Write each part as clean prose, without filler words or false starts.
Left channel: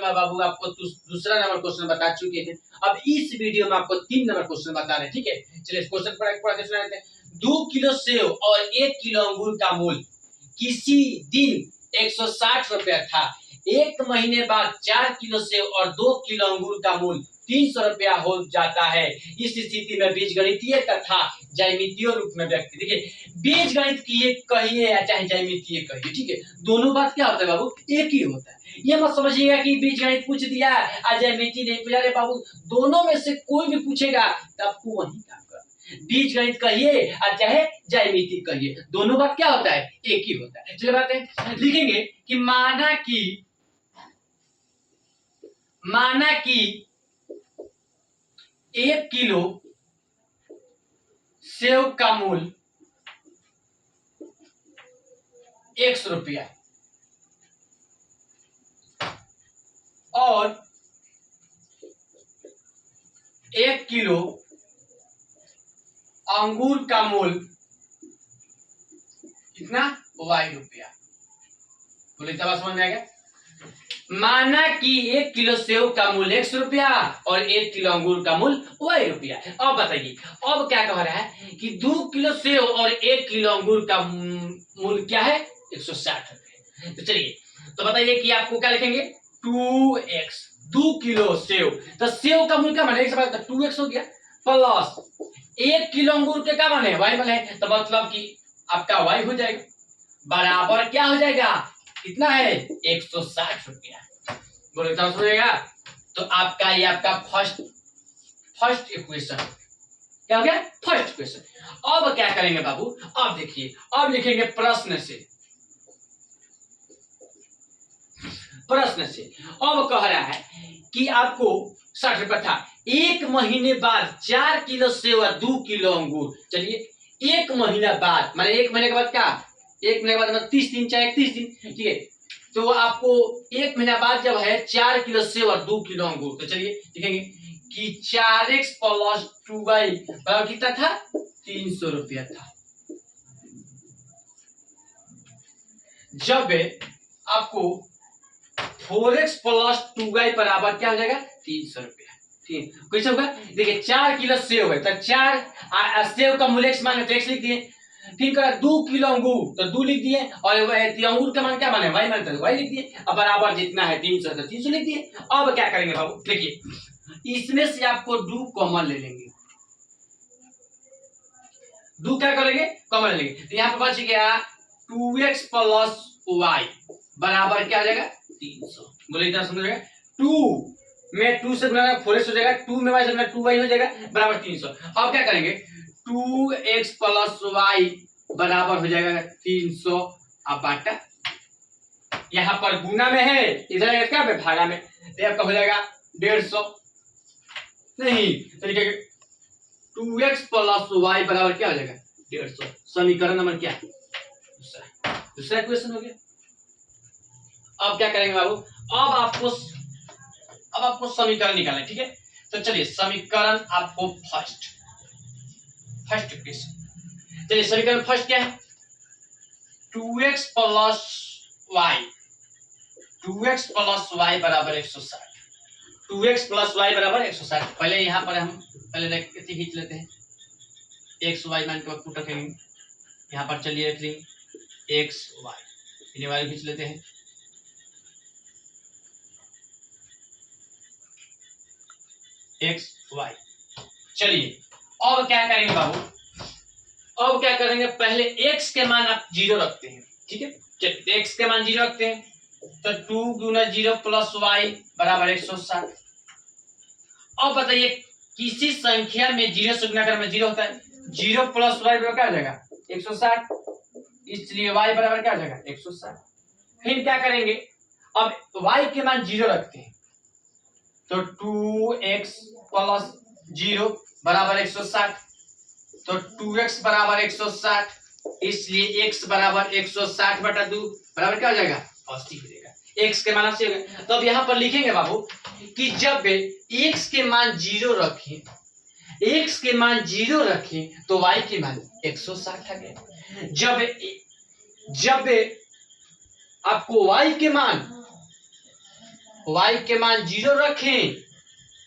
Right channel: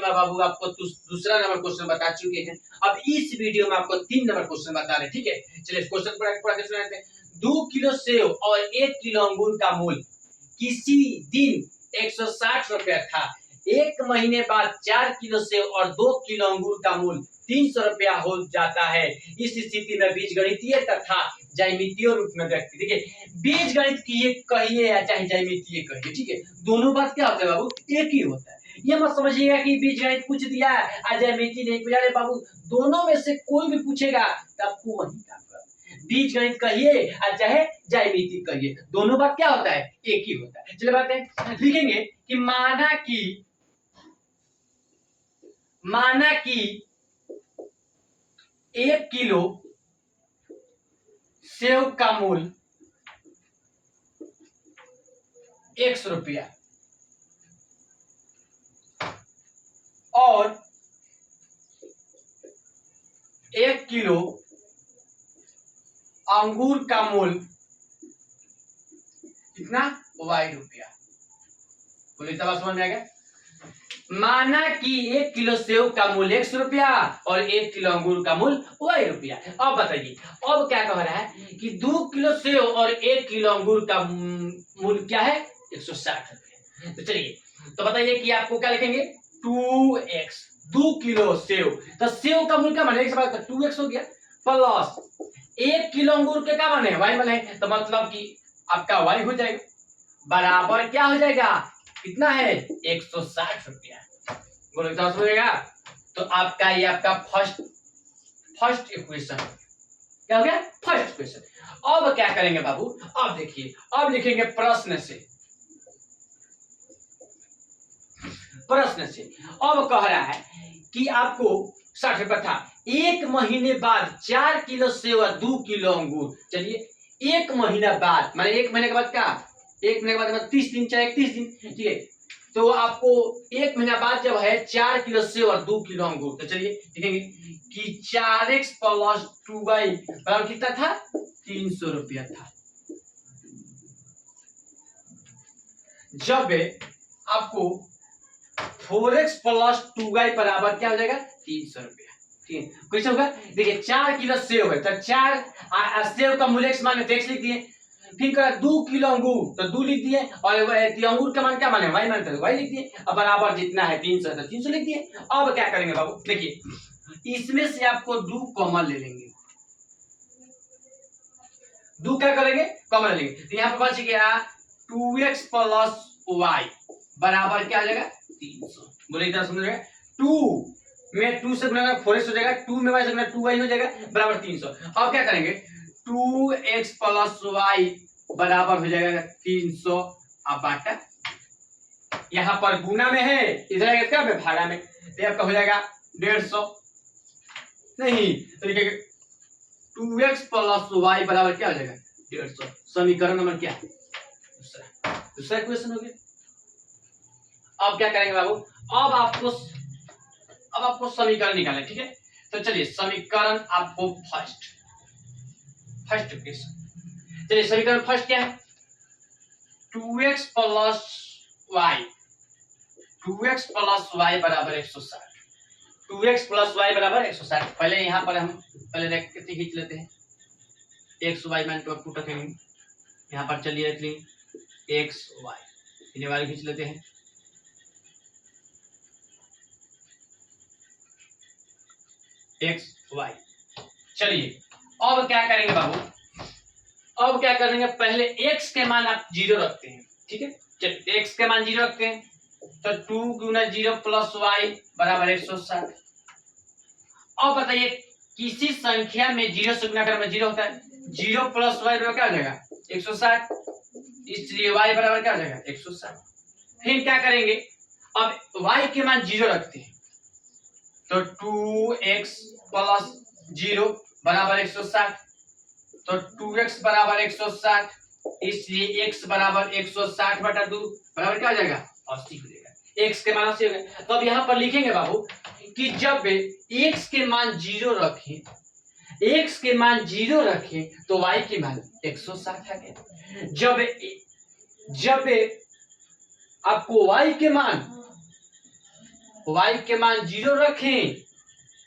में बाबू आपको दूसरा नंबर क्वेश्चन बता चुके हैं। अब इस वीडियो में आपको 3 नंबर क्वेश्चन बता रहे हैं, ठीक है। चलिए क्वेश्चन पढ़ के सुनाते हैं। 2 किलो सेव और 1 किलो अंगूर का मूल्य किसी दिन 160 रुपया था। 1 महीने बाद 4 किलो सेव और 2 किलो अंगूर का मूल्य 300 रुपया हो जाता है। इस स्थिति में बीजगणितीय तथा ज्यामितीय रूप में व्यक्त। देखिए बीजगणित की कहिए या चाहे ज्यामितीय कहिए, ठीक है, दोनों बात क्या होता है बाबू, एक ही होता है। ये मत समझिएगा कि बीजगणित पूछ दिया है ज्यामिति नहीं पूछा। अरे बाबू दोनों में से कोई भी पूछेगा तो आपको वही काम करना। बीजगणित कहिए या चाहे ज्यामिति कहिए, दोनों बात क्या होता है, एक ही होता है। चलिए बातें लिखेंगे कि माना कि 1 किलो सेव का मूल्य 100 रुपया और 1 किलो अंगूर का मूल्य कितना, y रुपया। बोले तब समझ में आ गया। माना कि 1 किलो सेव का मूल्य 100 रुपया और 1 किलो अंगूर का मूल्य y रुपया। अब बताइए अब क्या कह रहा है कि 2 किलो सेव और 1 किलो अंगूर का मूल्य क्या है, 160 रुपये। तो चलिए तो बताइए कि आपको क्या लिखेंगे, 2x 2 किलो सेव, तो सेव का मूल्य क्या माने, 2x हो गया, प्लस 1 किलो अंगूर के क्या माने, y माने, तो मतलब कि आपका y हो जाएगा बराबर क्या हो जाएगा, कितना है, 160 रुपया। बोलो क्या हो जाएगा। तो आपका ये आपका फर्स्ट इक्वेशन क्या हो गया, फर्स्ट इक्वेशन। अब क्या करेंगे बाबू, अब देखिए अब लिखेंगे प्रश्न से। अब कह रहा है कि आपको 60 रुपया था, 1 महीने बाद 4 किलो सेव और 2 किलो अंगूर। चलिए 1 महीना बाद माने 1 महीने के बाद क्या, 1 महीने के बाद 30 दिन चाहे 31 दिन, ठीक है। तो आपको 1 महीना बाद जब है 4 किलो सेव और 2 किलो अंगूर, तो चलिए लिखेंगे कि 4x प्लस 2y बराबर कितना था, 300 रुपया था। जब आपको 4x प्लस 2y बराबर क्या हो जाएगा, 300 रुपया। ठीक है, कैसे होगा, देखिए 4 किलो सेव है तो 4 सेव का मूल्य x मान x लिख दिए, फिर कहा 2 किलो अंगूर तो 2 लिख दिए, और अंगूर का मान क्या माने, y मान, तो y लिख दिए। अब बराबर जितना है 300 तो 300 लिख दिए। अब क्या करेंगे बाबू, देखिए इसमें से आपको 2 कॉमन ले लेंगे, 2 क्या करेंगे, कॉमन लेंगे, तो यहाँ पर बच गया 2x प्लस y बराबर क्या हो जाएगा, 300। बोले इतना समझ रहे, 2 में 2 से गुणा 4x हो जाएगा, 2 में y से गुणा 2y हो जाएगा बराबर 300। अब क्या करेंगे, 2x प्लस y बराबर हो जाएगा 300। अब बाटा यहाँ पर गुना में है, इधर क्या है भागा में, तो आपका हो जाएगा 150, नहीं तो लिखेंगे 2x प्लस y बराबर क्या हो जाएगा, 150। समीकरण नंबर क्या है, दूसरा इक्वेशन हो गया। अब क्या करेंगे बाबू, अब आपको समीकरण निकालना है, ठीक है। तो चलिए समीकरण आपको फर्स्ट इक्वेशन, चलिए समीकरण फर्स्ट क्या है, 2x प्लस y बराबर 160, 2x प्लस y बराबर 160। पहले यहाँ पर हम पहले खींच लेते हैं, x y मान को पुट रखेंगे यहाँ पर, चलिए रख लेंगे x y, इन्हें वाले खींच लेते हैं, x y। चलिए अब क्या करेंगे बाबू, अब क्या करेंगे, पहले x के मान आप 0 रखते हैं, ठीक है। चलिए x के मान 0 रखते हैं, तो 2 गुना 0 प्लस y बराबर 160। अब बताइए किसी संख्या में 0 से गुना करने में 0 होता है, 0 प्लस y बराबर क्या हो जाएगा, 160, इसलिए y बराबर क्या हो जाएगा, 160। फिर क्या करेंगे, अब y के मान 0 रखते हैं, तो 2x प्लस 0 बराबर 160, तो 2x बराबर 160, इसलिए x बराबर 160 बटा 2 बराबर क्या हो जाएगा, 80 हो जाएगा। x के मान 80 हो गए। तो अब यहाँ पर लिखेंगे बाबू कि जब x के मान 0 रखें, x के मान 0 रखें तो y के मान 160 आ गए। जब आपको y के मान y के मान 0 रखें,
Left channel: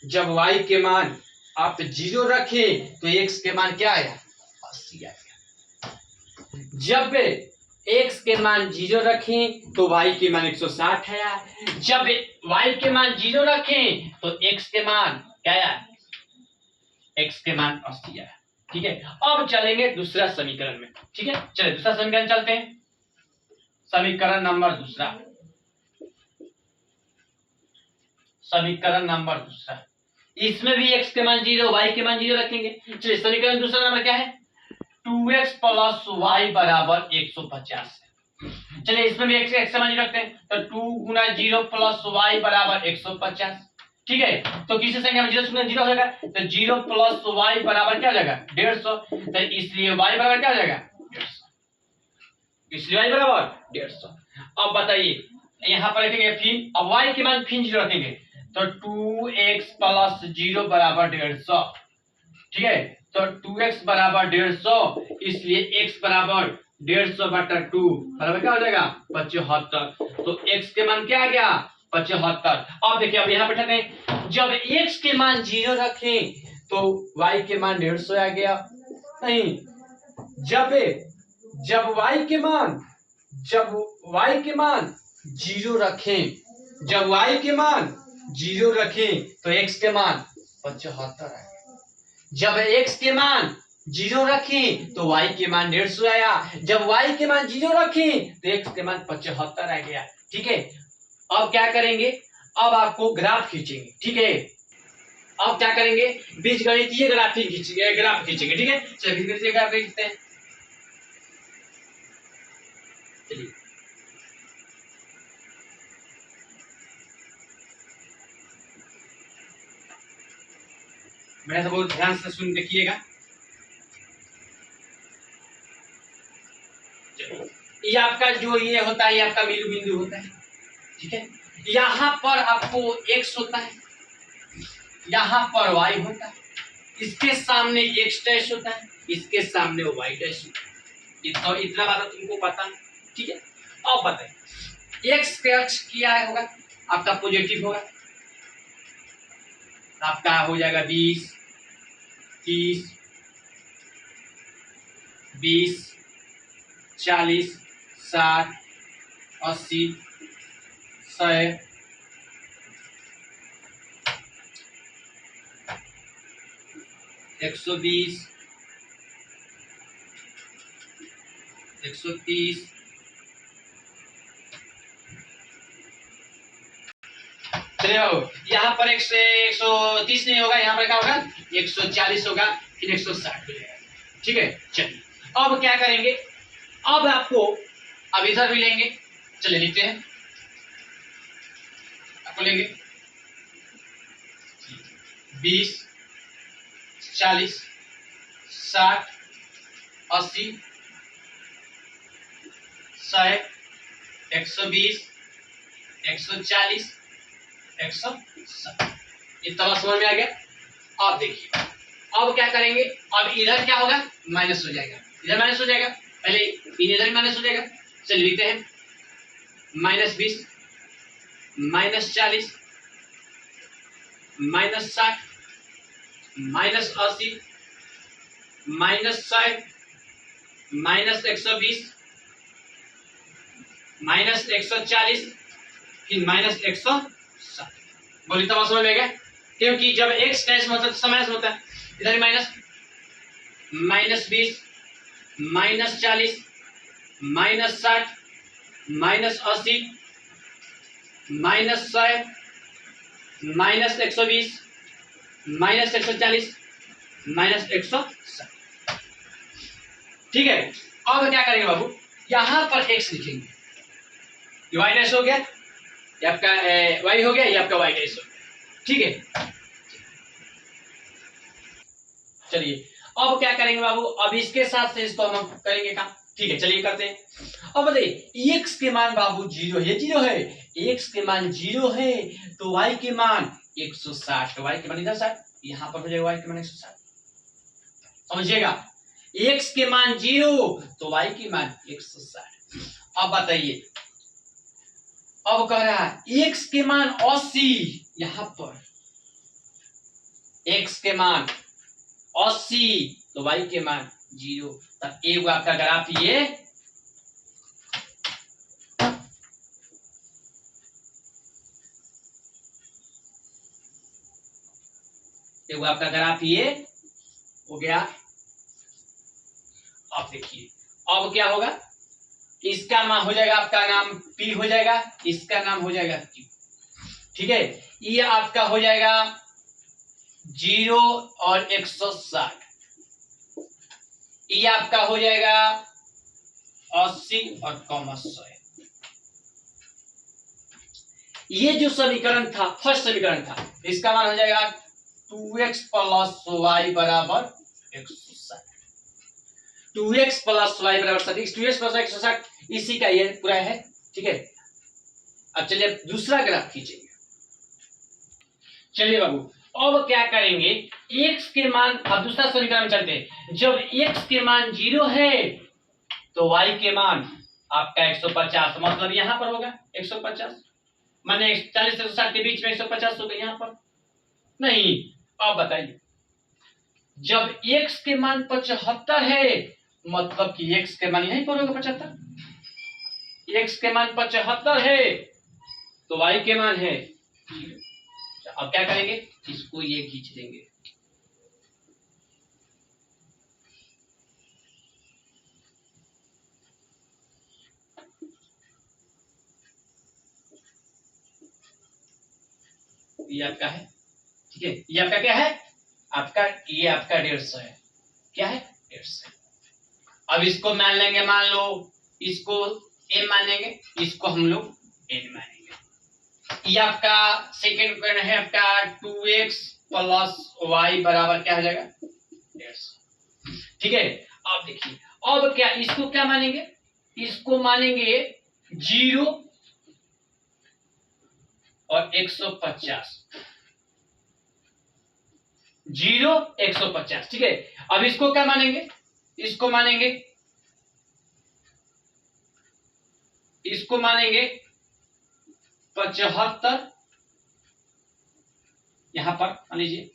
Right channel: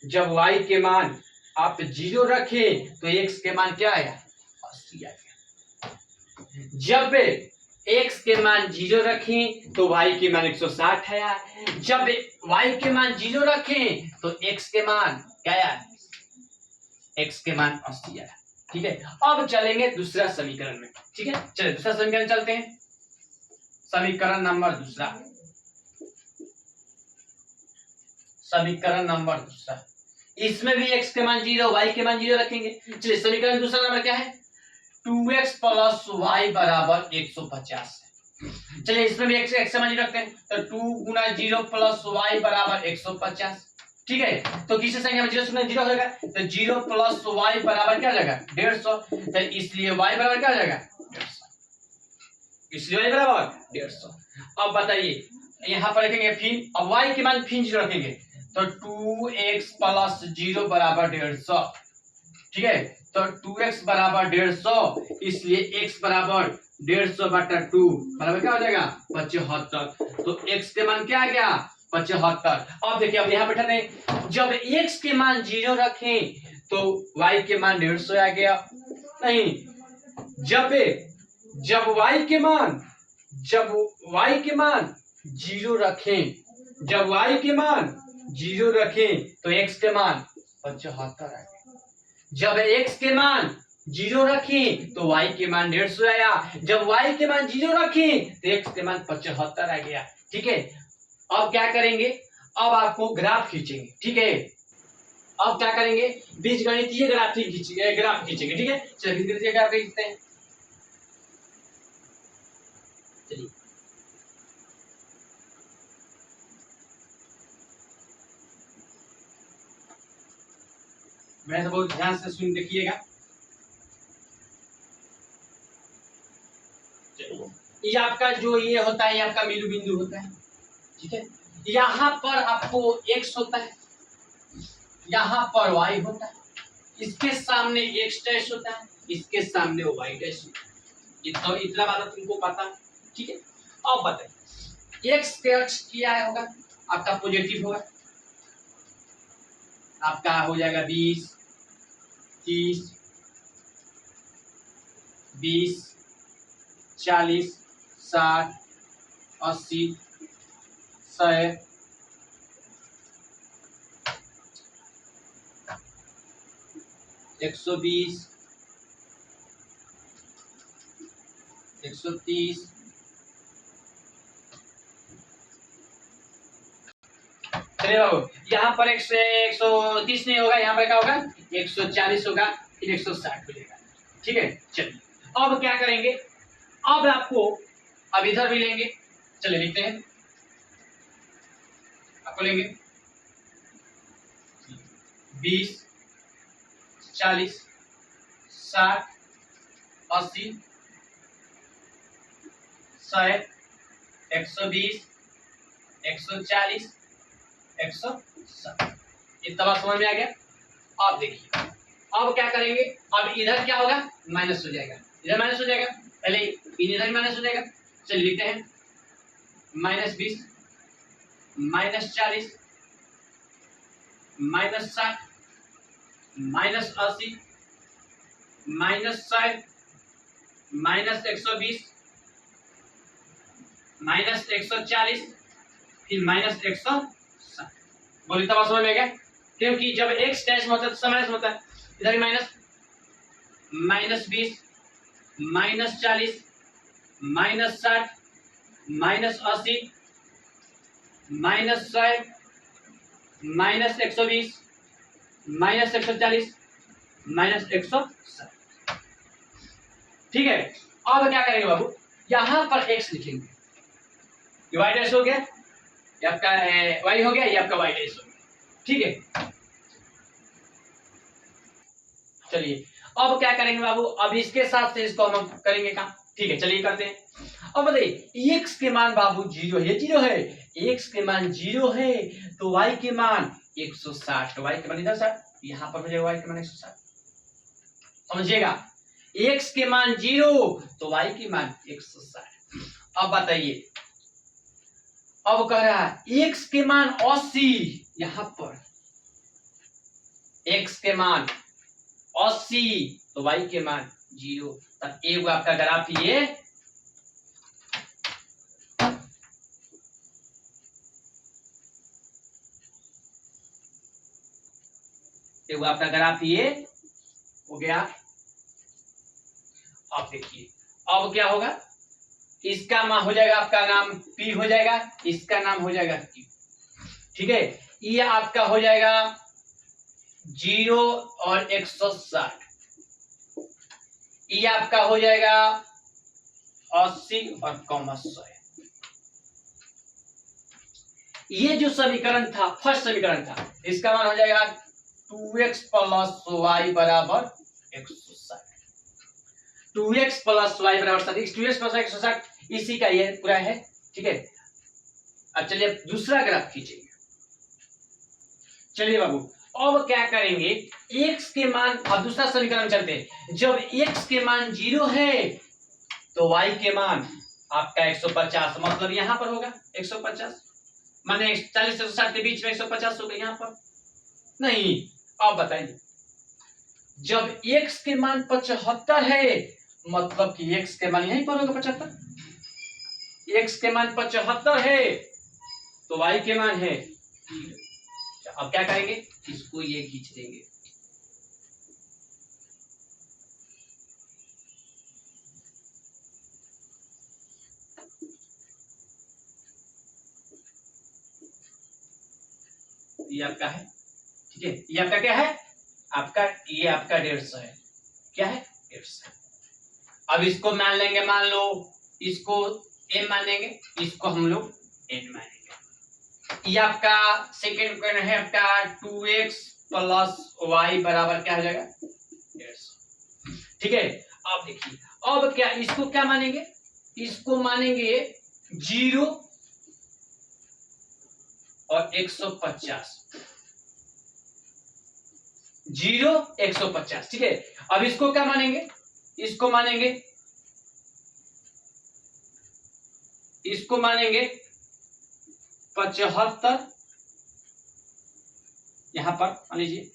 जब y के मान आप 0 रखें तो x के मान क्या आया, 80 आएगा। जब x के मान 0 रखें तो y के मान 160 आया। जब y के मान 0 रखें तो x के मान क्या आया, x के मान 80 आया। ठीक है, अब चलेंगे दूसरा समीकरण में। ठीक है, चलिए दूसरा समीकरण चलते हैं। समीकरण नंबर दूसरा, समीकरण नंबर दूसरा, इसमें भी x के मान 0 y के मान 0 रखेंगे। चलिए समीकरण दूसरा नंबर क्या है, 2x प्लस y बराबर 150 है। चलिए इसमें भी x का मान 0 रखते हैं, तो 2 गुना 0 प्लस y बराबर 150। ठीक है, तो किसी संख्या में 0 0 हो जाएगा, तो 0 प्लस y बराबर क्या हो जाएगा, 150। तो इसलिए y बराबर क्या हो जाएगा, 150, इसलिए y बराबर 150। अब बताइए यहाँ पर रखेंगे फिर, अब y के मान फिर 0 रखेंगे, तो 2x प्लस 0 बराबर 150। ठीक है, तो 2x बराबर 150, इसलिए x बराबर 150 बटा 2 बराबर क्या हो जाएगा, 75। तो x के मान क्या आ गया, 75। अब देखिए, अब यहाँ बैठाते हैं, जब x के मान 0 रखें तो y के मान 150 आ गया। नहीं, जब y के मान 0 रखें, जब y के मान 0 रखें तो x के मान 75 आ गया। जब x के मान 0 रखें तो y के मान 150 आया। जब y के मान 0 रखें तो x के मान 75 आ गया। ठीक है, अब क्या करेंगे, अब आपको ग्राफ खींचेंगे। ठीक है, अब क्या करेंगे, बीजगणितीय ग्राफ खींचेंगे। ठीक है, चलिए बीजगणितीय ग्राफ खींचते हैं। चलिए मैं बहुत ध्यान से सुन देखिएगा। ये आपका जो ये होता है, ये आपका बिंदु बिंदु होता है। ठीक है, यहाँ पर आपको x होता है, यहाँ पर y होता है, इसके सामने x डैश होता है, इसके सामने y डैश होता है। इतना बात तुमको पता है। ठीक है, अब बताइए x के अक्ष क्या होगा, आपका पॉजिटिव होगा, आपका हो जाएगा 20, 30, 20, 40, 60, 80, 100, 120, 130, चलिए बाबू, यहाँ पर 130 नहीं होगा, यहाँ पर क्या होगा, 140 होगा, फिर 160 हो जाएगा। ठीक है, चलिए अब क्या करेंगे, अब आपको अब इधर भी लेंगे। चलिए लिखते हैं, आपको लेंगे 20, 40, 60, 80, 100, 120, 140, 160। इतना बात समझ में आ गया। अब देखिए, अब क्या करेंगे, अब इधर क्या होगा, माइनस हो जाएगा, इधर माइनस हो जाएगा, पहले इधर भी माइनस हो जाएगा। चलिए लिखते हैं -20, -40, -60, -80, -100, -120, -140, फिर -160। बोली तब समझ में गया, क्योंकि जब x डैश में होता है तो माइनस होता है, इधर भी माइनस, -20, -40, -60, -80, -100, -120, -140, -160। ठीक है, अब क्या करेंगे बाबू, यहां पर x लिखेंगे, ये y डैश हो गया, ये आपका y हो गया, ये आपका y डैश हो गया। ठीक है, चलिए अब क्या करेंगे बाबू, अब इसके साथ से इसको हम करेंगे काम। ठीक है, चलिए करते हैं। अब बताइए x के मान बाबू 0 है, 0 है, x के मान 0 है तो y के मान 160, y के मान इधर 60, यहाँ पर हो जाएगा y के मान 160। समझिएगा, x के मान 0 तो y के मान 160। अब बताइए अब कह रहा है x के मान 80, यहां पर x के मान 80 तो y के मान 0। तब एक आपका ग्राफ ये आपका ग्राफ ये हो गया। अब देखिए अब क्या होगा, इसका मान हो जाएगा आपका नाम P हो जाएगा, इसका नाम हो जाएगा Q। ठीक है, ये आपका हो जाएगा 0 और 160, ये आपका हो जाएगा 80 और 100। ये जो समीकरण था, फर्स्ट समीकरण था, इसका मान हो जाएगा 2x प्लस वाई बराबर 160। 2x प्लस वाई बराबर 60, 2x प्लस 160 इसी का ये पूरा है। ठीक है, अब चलिए दूसरा ग्राफ खींचेंगे। चलिए बाबू अब क्या करेंगे, x के मान, अब दूसरा समीकरण चलते हैं। जब x के मान 0 है तो y के मान आपका 150, मतलब यहां पर होगा 150, माने 40 से 60 के बीच में 150 होगा यहां पर नहीं। अब बताइए, जब x के मान 75 है मतलब कि x के मान यहीं पर होगा 75, x के मान 75 है तो y के मान है। अब क्या करेंगे, इसको ये खींच देंगे। ये आपका है, ठीक है, ये आपका क्या है, आपका ये आपका 150 है। क्या है, 150। अब इसको मान लेंगे, मान लो इसको a मानेंगे, इसको हम लोग n मानेंगे। ये आपका सेकेंड इक्वेशन है आपका 2x प्लस वाई बराबर क्या हो जाएगा 150। ठीक है, अब देखिए अब क्या, इसको क्या मानेंगे, इसको मानेंगे 0 और 150, 0 150। ठीक है, अब इसको क्या मानेंगे, इसको मानेंगे 75, यहां पर मान लीजिए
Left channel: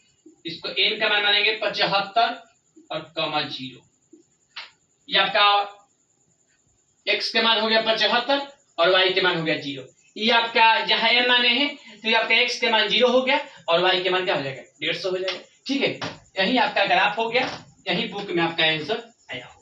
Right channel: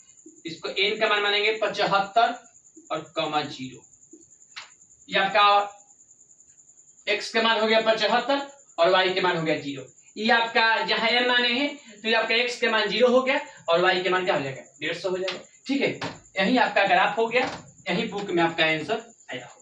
इसको n का मान मानेंगे 75 और कमा 0। ये आपका x के मान हो गया 75 और y के मान हो गया 0। ये आपका जहां m माने हैं तो ये आपका x के मान 0 हो गया और y के मान क्या हो जाएगा 150 हो जाएगा। ठीक है, यही आपका ग्राफ हो गया, यही बुक में आपका आंसर आया।